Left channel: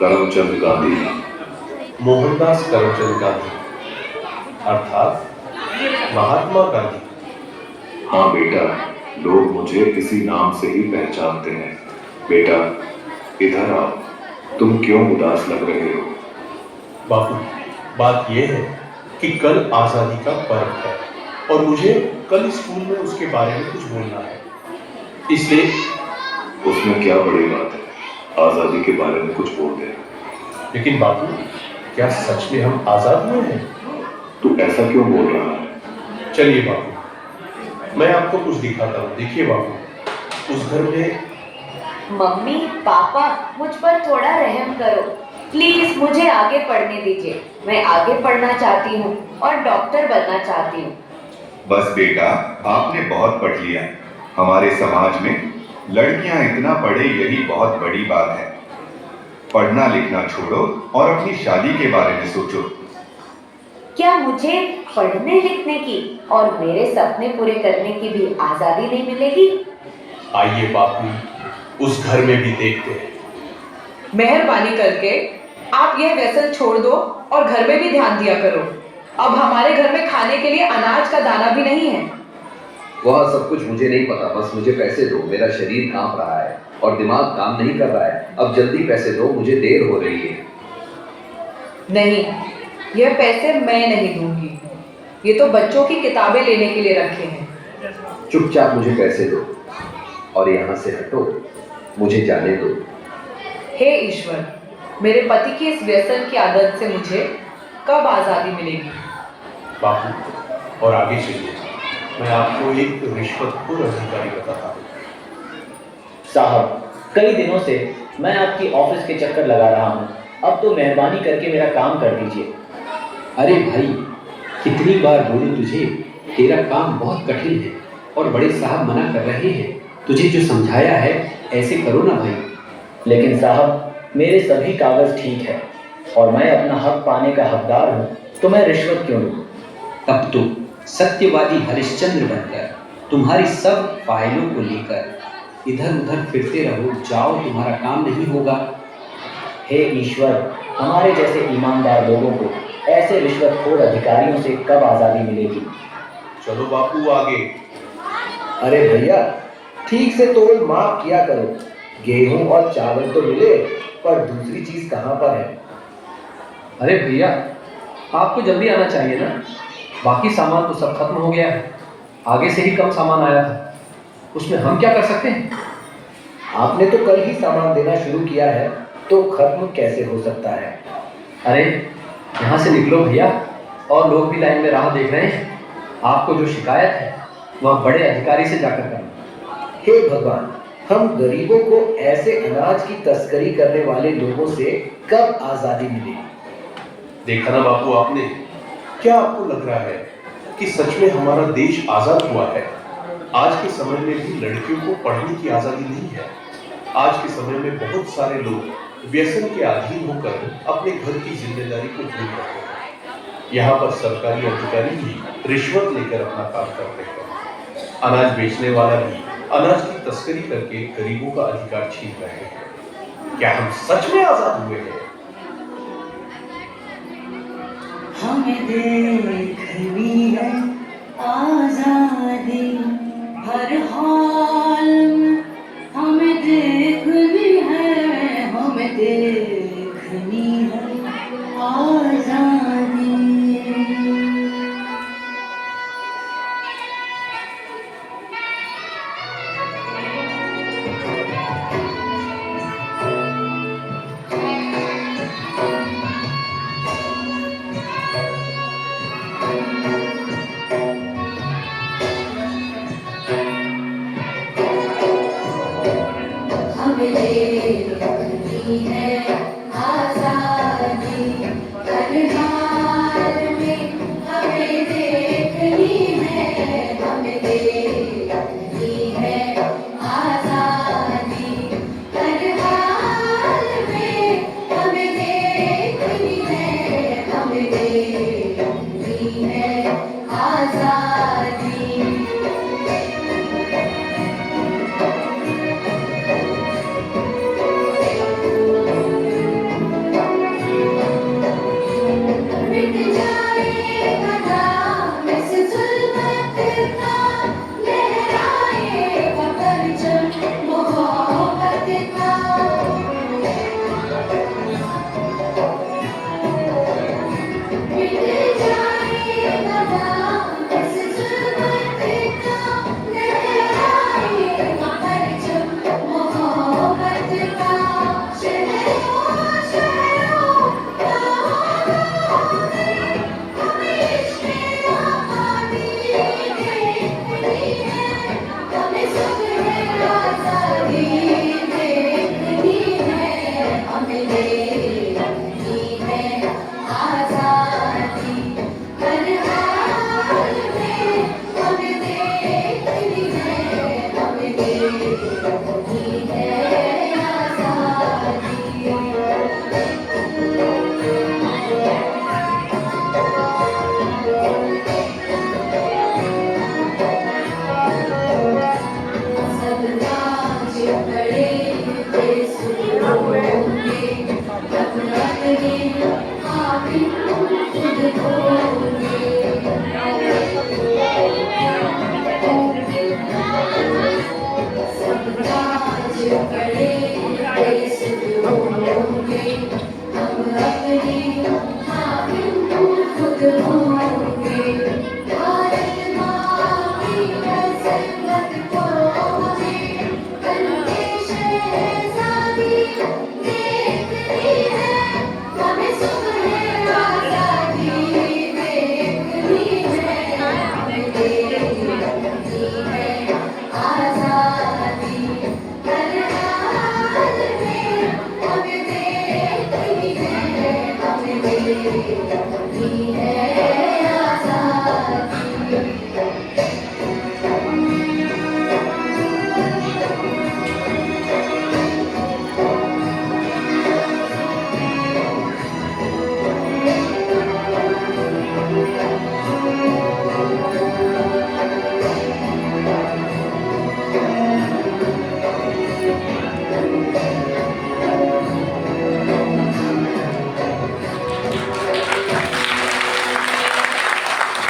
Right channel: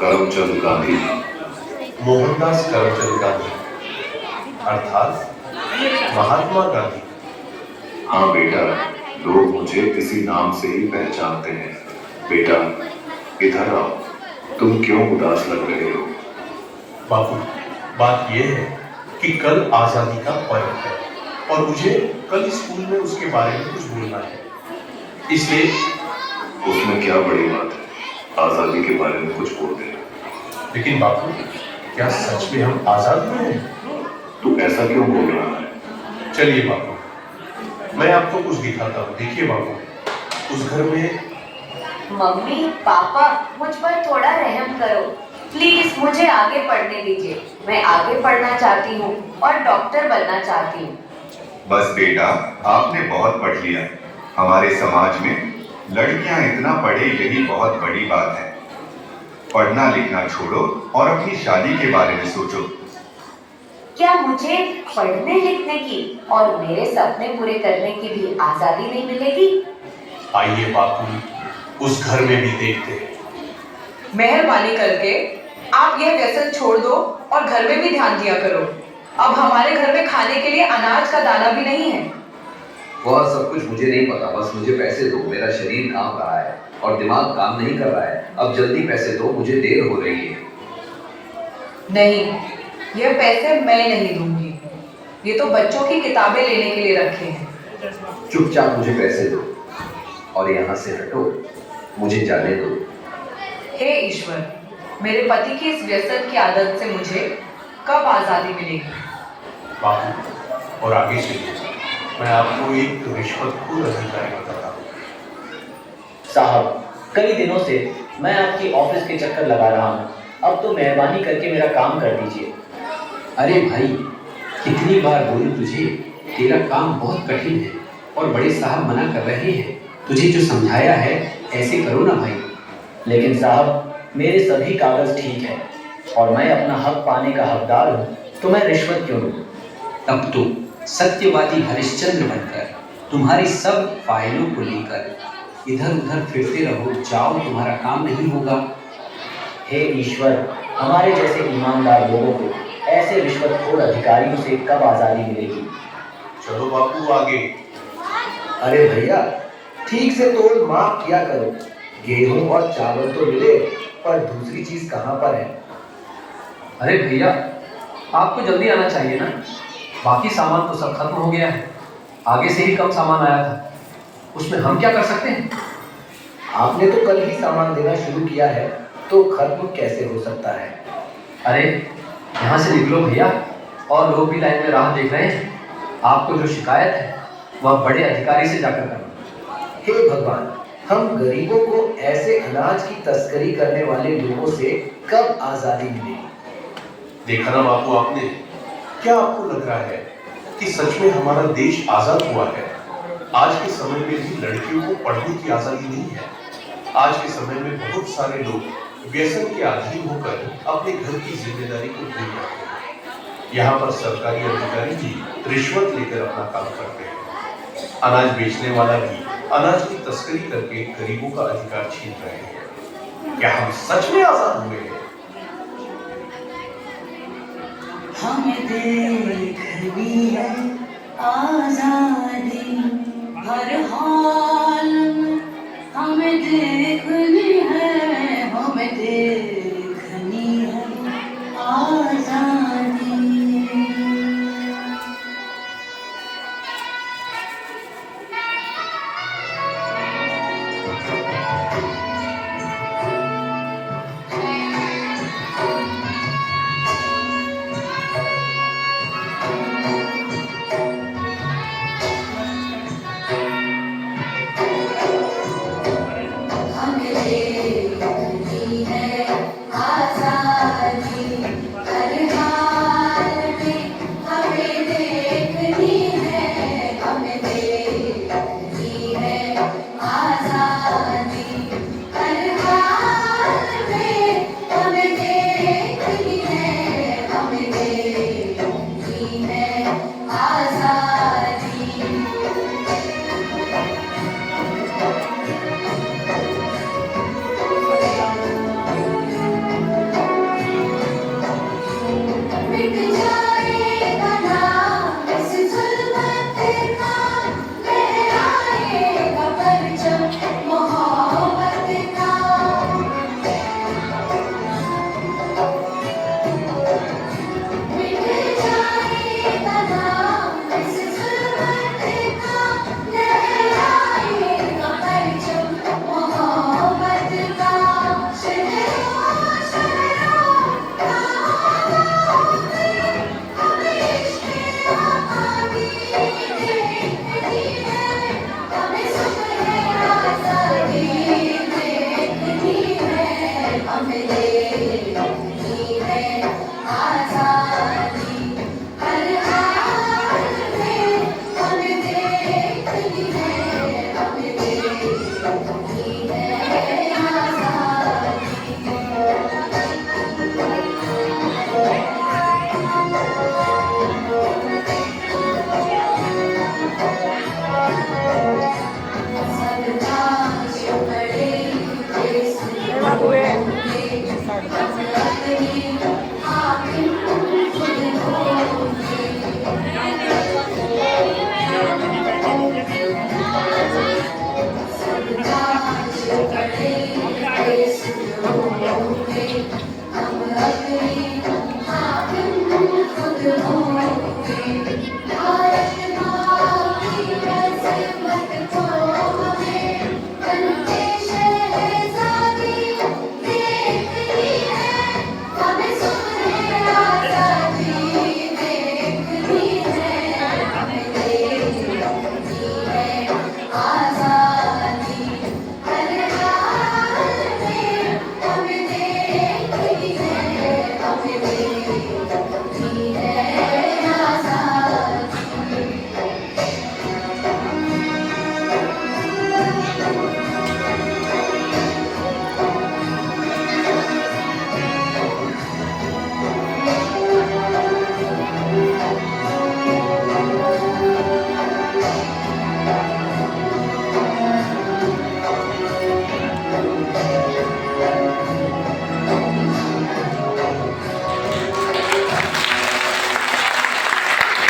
करमचंद गांधी। मोहनदास करमचंद गांधी अर्थात महात्मा गांधी। हाँ बेटा, लोग मुझे इसी नाम से ही पहचानते हैं। बेटा इधर आओ, तुम क्यों उदास लग रहे हो? बापू, बात यह है कि कल आजादी का पर्व है और मुझे कल स्कूल में उसके बारे में कुछ बोलना है, इसलिए। उसमें क्या बड़ी बात है, आजादी के बारे में कुछ बोल दे। लेकिन बापू, क्या सच में हम आजाद हुए हैं? तू ऐसा क्यों बोल रहा है? चलिए बापू, मैं आपको कुछ दिखाता हूँ। देखिए बापू, उस घर में। मम्मी पापा, मुझ पर थोड़ा रहम करो प्लीज, मुझे आगे पढ़ने दीजिए। मैं आगे पढ़ना चाहती हूँ और डॉक्टर बनना चाहती हूँ। बस बेटा, आपने बहुत पढ़ लिया। हमारे समाज में लड़कियां इतना पढ़े यही बहुत बड़ी बात है। पढ़ना लिखना छोड़ो और अपनी शादी के बारे में सोचो। क्या मुझे पढ़ने लिखने की और मेरे सपने पूरे करने की भी आजादी नहीं मिलेगी? आइए बापू, उस घर में भी देखते हैं। मेहरबानी करके आप यह व्यसन छोड़ दो और घर में भी ध्यान दिया करो। अब हमारे घर में खाने के लिए अनाज का दाना भी नहीं है। वह सब कुछ मुझे नहीं पता, बस मुझे पैसे दो। मेरा शरीर कांप रहा है और दिमाग काम नहीं कर रहा है। अब जल्दी पैसे दो, मुझे देर हो रही है। नहीं, यह पैसे मैं नहीं दूंगी। ये तो बच्चों की किताबें लेने के लिए रखे हैं। चुपचाप मुझे पैसे दो और यहाँ से हटो, मुझे जाने दो। हे ईश्वर, मेरे पति की इस व्यसन की आदत से मुझे कब आजादी मिलेगी? बापू, और आगे चलिए, मैं आपको एक रिश्वतखोर अधिकारी बताता हूँ। साहब, कई दिनों से मैं आपकी ऑफिस के चक्कर लगा रहा हूँ। अब तो मेहरबानी करके मेरा काम कर दीजिए। अरे भाई, कितनी बार बोलूं तुझे, तेरा काम बहुत कठिन है और बड़े साहब मना कर रहे हैं। तुझे जो समझाया है ऐसे करो ना भाई। लेकिन साहब, मेरे सभी कागज ठीक है और मैं अपना हक पाने का हकदार हूँ, तो मैं रिश्वत क्यों लूँ? अब तो सत्यवादी हरिश्चंद्र बनकर तुम्हारी सब फाइलों को लेकर इधर उधर फिरते रहो, जाओ, तुम्हारा काम नहीं होगा। हे ईश्वर, हमारे जैसे ईमानदार लोगों को ऐसे रिश्वतखोर अधिकारियों से कब आज़ादी मिलेगी? चलो बापू आगे। अरे भैया, ठीक से तोल माप किया करो। गेहूं और चावल तो मिले, पर दूसरी चीज कहाँ पर है? अरे भैया, आपको जल्दी आना चाहिए ना। बाकी सामान तो सब खत्म हो गया है। आगे से ही कम सामान आया था, उसमें हम क्या कर सकते हैं? आपने तो कल ही सामान देना शुरू किया है, तो खत्म कैसे हो सकता है? अरे यहाँ से निकलो भैया, और लोग भी लाइन में राह देख रहे हैं। आपको जो शिकायत है वह बड़े अधिकारी से जाकर करें। हे भगवान, हम गरीबों को ऐसे अनाज की तस्करी करने वाले लोगों से कब आजादी मिलेगी? देखा ना बापू आपने, क्या आपको लग रहा है कि सच में हमारा देश आजाद हुआ है? आज के समय में भी लड़कियों को पढ़ने की आजादी नहीं है। आज के समय में बहुत सारे लोग व्यसन के अधीन होकर अपने घर की जिम्मेदारी को भूल रहे हैं। यहाँ पर सरकारी अधिकारी भी रिश्वत लेकर अपना काम करते हैं। अनाज बेचने वाला भी अनाज की तस्करी करके गरीबों का अधिकार छीन रहे हैं। क्या हम सच में आजाद हुए हैं? हमें दे